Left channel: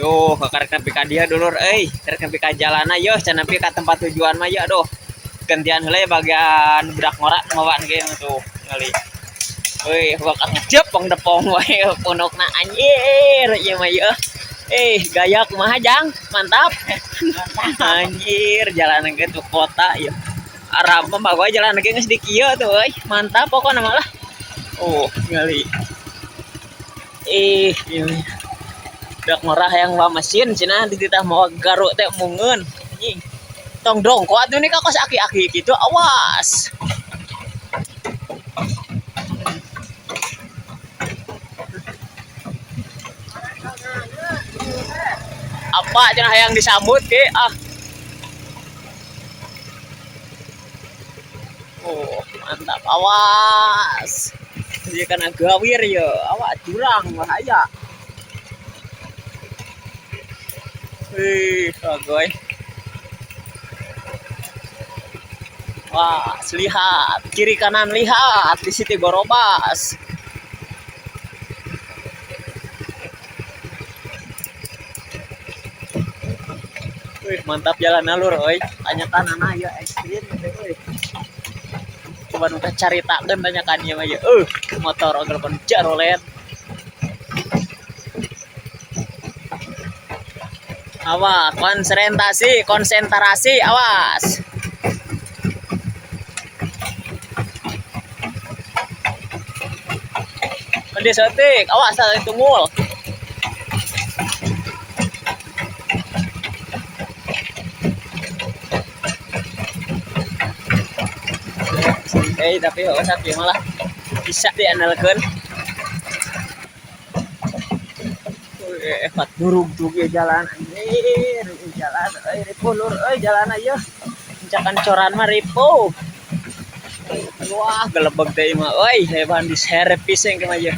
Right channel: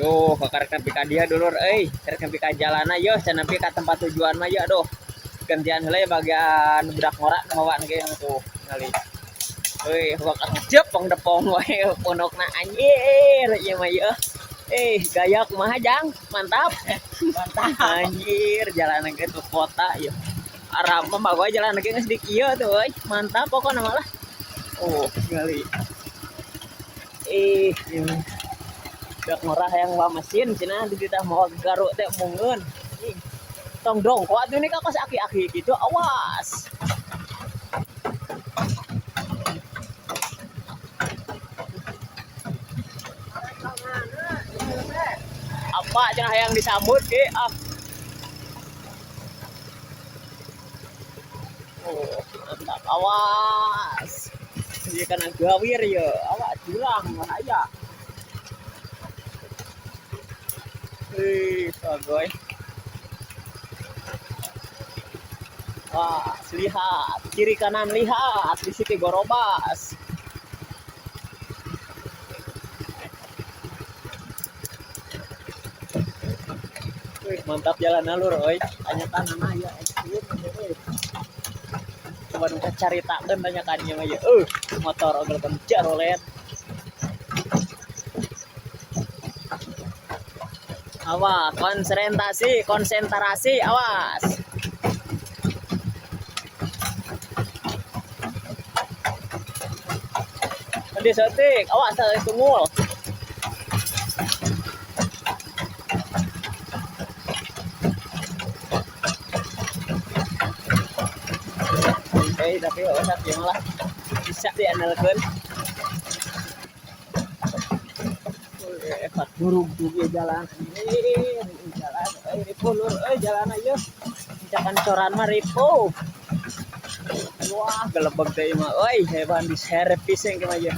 Duh, karek nepi ka dieu dulur euy, karek nepi ka jalan ayo, can nepi ka tempat tujuan mah ya aduh. Gantian heula bagian budak ngora ngawaan ge tuh ngali. Euy, bakal ngejep pong depong wae pondokna anjir ieu mah yeuh. Gaya kumaha Jang? Mantap. Mantap anjir, jalan ke tuh kota ya. Arab mah bagoy jalan ke geus di kieu tuh euy. Mantap pokona mah lah. Ngali. Ini dak murah yang bawa mesin cina di titah mau garuk teh mungun anjing tong dong kuat nih kak kos aki-aki gitu awas apa cina yang disambut ke mantap awas dia kena gawir ya awas jurang bahaya bagoy. Wah, lihat kiri kanan lihat di situ gorobas. Mantap jalan alur, oi. Tanya tanah ya ekstrim. Coba nuka cari tak dan tanyakannya mah ya. Motor ogal pencar rolet. Awas, konsentrasi, awas. Mending setik, awas itu mul. Tapi tapi malah bisa diandalkan. Hebat burung tuh jalan anjir jalan pulur jalan aja mencakan coran mah ripo wah gelebeg deh mah hebat di servis yang kemana aja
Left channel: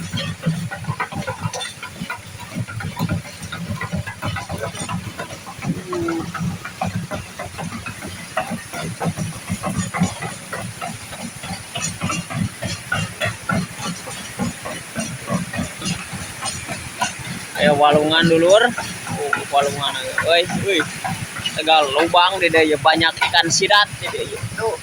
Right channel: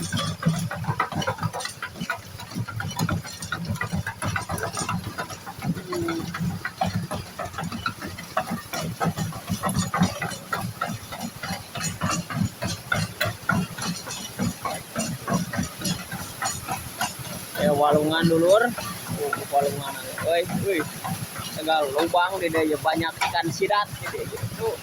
ayo walungan dulur walungan tegal lubang deh banyak ikan sidat jadi tuh